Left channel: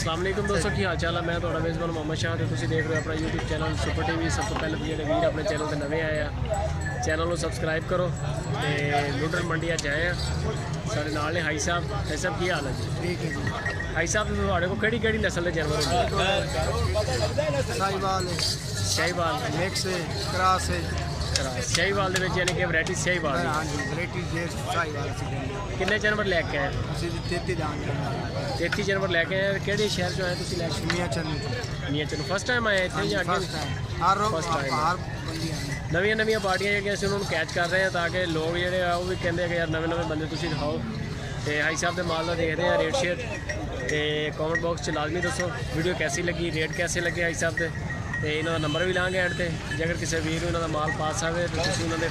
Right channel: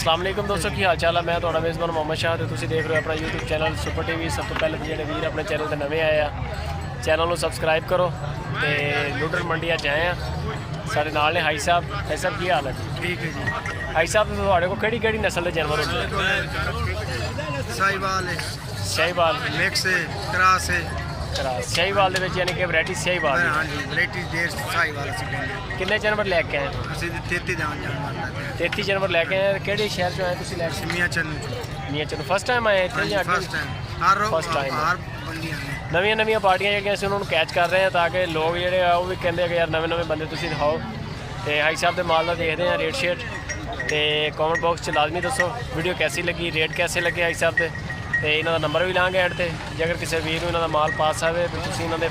अस्सलाम वालेकुम दोस्तों, की हाल चाल है। मैं थोड़ा मेज़बान मोहम्मद शाह तो तुम देख रहे हो अपना यूट्यूब चैनल सुपर टीवी। सब तो पहले जो वीर अपने चैनल पर नवे आए हैं, चैनल को सबसक्राइब करो। तो लुडर मंडी अज आए हैं, साढ़े नाल ने हाई साहब। हाई साहब की हाल है जी? ठीक है जी। हाई साहब थोड़े को केड़ी नस्ल के जानवर होंगे? साहिवाल है, शाहीवाल मिक्स है, क्रॉस है। शाहीवाल यानी कि वैरायटी शाहीवाल। हाँ जी, वैरायटी देर साहिवाल असं देंगे। किन्ने जानवर लैके आए? असं 33 जानवर लैके 33 जानवर लैके आए। किहड़े शहर चो आए तुसीं लैके? मियां चन्नू। मियां चन्नू फर्स्ट टाइम आए इत्थे या अगे? First time. हर फर्स्ट टाइम हर बंदियां ने नवीं पार्टियां जिहड़ियां असीं उन्होंने कैच कर रहे हैं ताकि लोग जिहड़े आ वो भी कहंदे कि यार नवे बंदे तुसीं दिखाओ। तो हाई साहब के माल का देखते हैं रेट शेट। तो कॉमेंट बॉक्स च लाजमी दसो वीडियो कैसी लगी, रेट कैसे लगे हाई साहब के। तो इन्हों का नंबर भी लाँगे एंड से। जे अगर किसी वीर इन्हों का माल पास आए तो तुसीं इन्हों के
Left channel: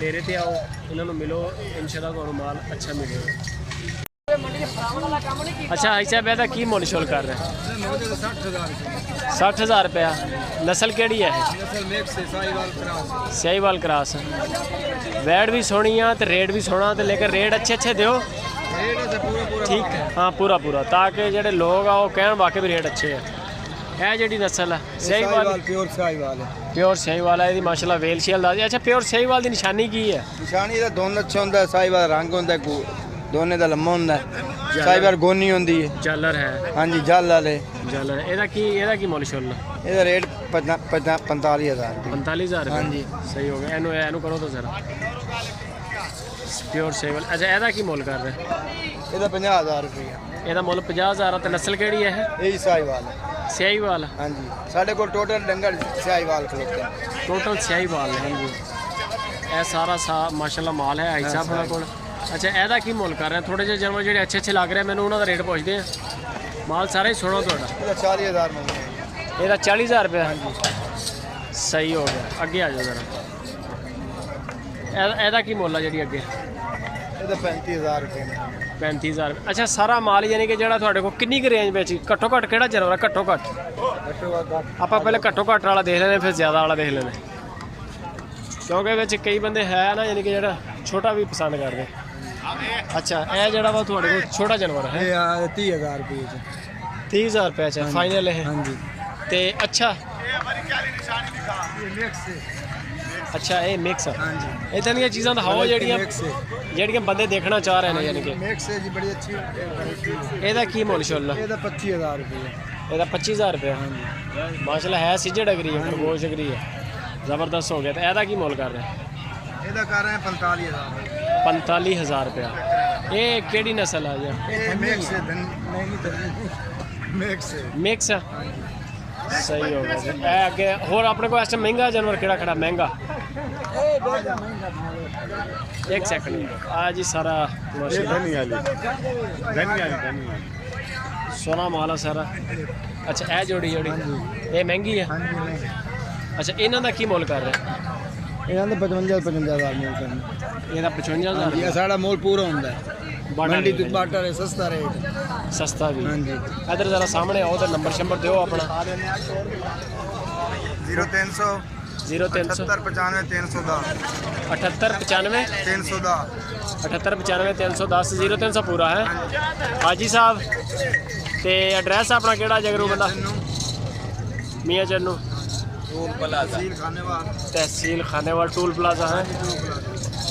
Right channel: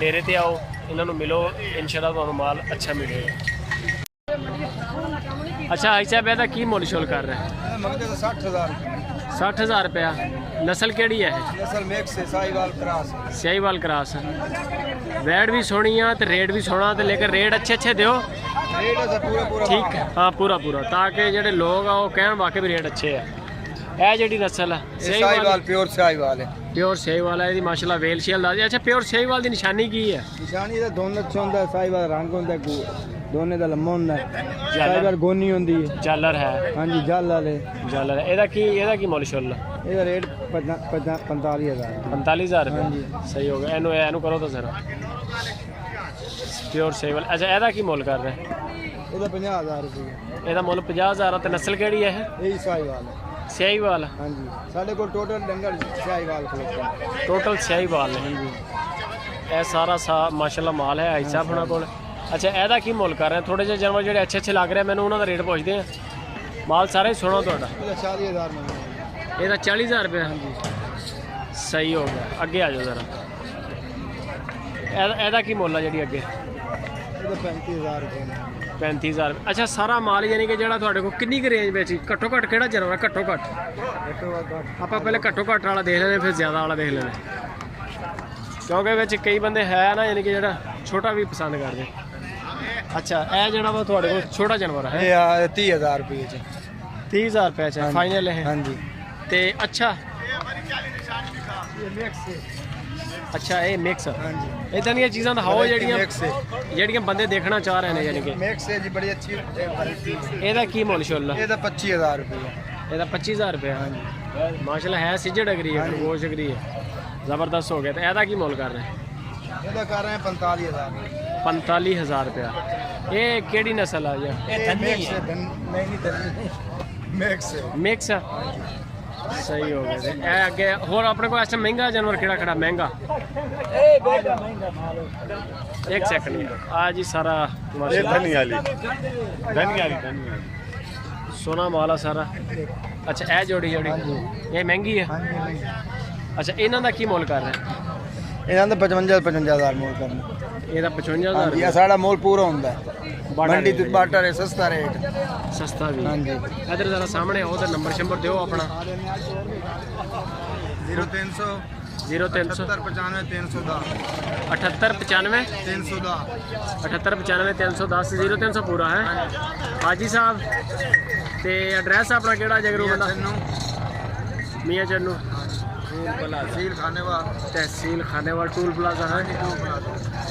डेरे ते आओ, इन्हों मिलो, इंशाअल्लाह तुहानूं माल अच्छा मिलेगा। अच्छा हाई साहब ਇਹਦਾ की मुल शोल कर रहे हैं? 60,000 रुपया। नस्ल केड़ी है? शाहीवाल क्रॉस। वैट भी सोहनी आ तो रेट भी सोहना, तो लेकिन रेट अच्छे दो ठीक। हाँ पूरा ताकि जेडे लोग आ वो कहन वाकई भी रेट अच्छे है। यह जी नस्ल है शाहीवाल, प्योर साहिवाल है। प्योर शाहीवाल है माशाल्लाह। वेल शेल दा। अच्छा प्योर शाहीवाल की निशानी की है? निशानी दा दोनों अच्छा होंदा है। साहिवाल रंग होंदा है, दोनों दा लम्मा होंदा है। साहिवाल गोनी होंदी है। जालर है? हाँ जी जल वाले जालर। ਇਹਦਾ ਕੀ ਮੁੱਲ ਸ਼ੁੱਲ? ਇਹਦਾ ਰੇਟ 45,000। 45,000 रुपये। हाँ जी सही हो गया। ਇਹਨੂੰ करो तो जरा प्योर शाहीवाल। अच्छा ਇਹਦਾ ਕੀ ਮੁੱਲ कर रहे हैं? ਇਹਦਾ 50,000 रुपया। ਇਹਦਾ ਮੁੱਲ 50,000 ਤੇ ਨਸਲ ਕਿਹੜੀ ਹੈ ਇਹ? यही साहिवाल है। शाहीवाल। हाँ जी साढ़े को टोटल डंगर साहिवाल खरीदते हैं। टोटल शाहीवाल है ये सारा माशाल्लाह माल है हाई साहब होना को। अच्छा ਇਹਦਾ ਕੀ ਮੁੱਲ कर रहे हैं? थोड़े ਜਿਹੇ जानवर ਜਿਹੜੇ अच्छे लग रहे हैं मैंने उन्होंने रेट पूछते हैं। माल सारा ही सोना ਤੁਹਾਡਾ? ਇਹਦਾ 40,000 ਇਹਦਾ 40,000 रुपया। सही हो गया। अगे आ जाओ जरा। ਇਹਦਾ ਕੀ ਮੁੱਲ ਆ ਜਿਹੜੀ ਅੱਗੇ? ਇਹਦਾ 35,000 रुपये। 35,000। अच्छा सारा माल यानी कि ਜਿਹੜਾ ਤੁਹਾਡੇ ਕੋਲ ਕਿੰਨੀ ਕੁ ਰੇਂਜ ਵਿੱਚ ਘੱਟੋ ਘੱਟ ਕਿਹੜਾ जानवर है? घट्टो घੱਟ ਆਪਾਂ ਪਹਿਲੇ ਘੱਟੋ ਘੱਟ वाला देख लेने फिर ज़्यादा वाला देख लेने, क्योंकि ਵਿੱਚ कई बंदे है ना यानी कि ਜਿਹੜਾ छोटा भी पसंद करते। अच्छा ਇਹ ਜਿਹੜਾ ਵਾ ਤੁਹਾਡੇ ਕੋਲ ਛੋਟਾ जानवर है? ਇਹ 30,000 रुपये। 30,000 रुपये ਚ फाइनल है? हाँ जी। ਤੇ अच्छा अच्छा ये मिक्स इदां ਦੀਆਂ ਚੀਜ਼ਾਂ ਦਿਖਾਓ ਜਿਹੜੀਆਂ ਬੰਦੇ ਦੇਖਣਾ ਚਾਹ ਰਹੇ ਨੇ। यानी कि मिक्स है जी, बड़ी अच्छी। ਇਹਦਾ ਕੀ ਮੁੱਲ ਸ਼ੁੱਲ? ਇਹਦਾ 25,000 रुपये। ਇਹਦਾ 25,000 रुपया। माशाल्लाह है सिजड़ अगरी है, खरगोश अगरी है, ज़बरदस्त हो गया। तो ਇਹਦਾ ਕੀ ਮੁੱਲ कर रहे हैं? ਇਹਦਾ कर रहे हैं 45,000। 45,000 रुपया। ये केड़ी नस्ल है? मिक्स है। मिक्स है। मिक्स। सही हो गया। ए अगे होर अपने को इस महंगा जानवर केड़ा खड़ा? महंगा एक सेकंड आज ही सारा सोना माला सारा। अच्छा ए जोड़ी ये महंगी है? अच्छा इन्हों का की मुल कर रहे हैं? इन्हों का 55,000 मोल करना। ਇਹਦਾ 55,000 ये साड़ा मोल पूरा होंदा है। बाटा रेट बाटा सस्ता रेट। सस्ता भी। हाँ जी। इधर जरा सामने आओ तो नंबर शंबर दो अपना। 0300 0300 75 310 78 95 310 78 95 310 0300 पूरा है। हाजी साहब ते एड्रैस अपना केड़ा जगरू बंदा? मियां चन्नू तहसील खानेवाल टूल प्लाजा है।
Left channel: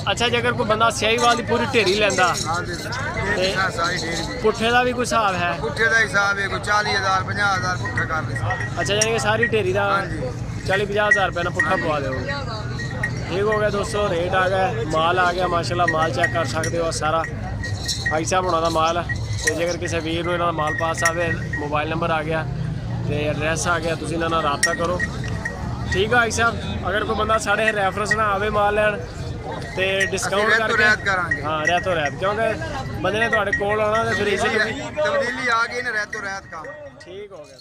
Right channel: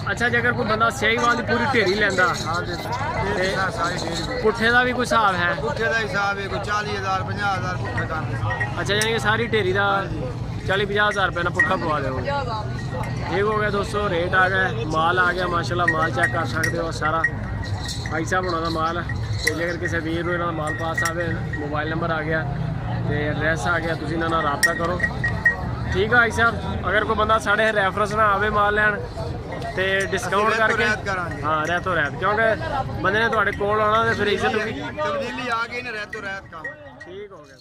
अच्छा जे अगर कोई बंदा शाहीवाल की पूरी ढेरी लेंदा पुट्ठे का भी कोई हिसाब है? पुट्ठे का हिसाब है कोई 40,000 50,000 पुट्ठा कर दे। अच्छा यानी कि सारी ढेरी का 40-50,000 रुपये ना पुट्ठा पवा दोगे। ठीक हो गया दोस्तों, रेट आ गया, माल आ गया माशाल्लाह। माल चेक कर सकते हो सारा हाई साहब होना का माल है। तो जे अगर किसी वीर इन्हों माल पास आए, मोबाइल नंबर आ गया तो एड्रैस आ गया, तुम इन्होंने रबता करो। ठीक है हाई साहब, अगर कोई बंदा साढ़े रेफरेंस ना आवे माल लैन तो डिस्काउंट करके हाँ रहतो रहत, क्योंकि बंदे ने थोड़े कोल आना तो फिर इज्जत तब्दीली आ गई ना रहतो रहत काम। ठीक हो गया।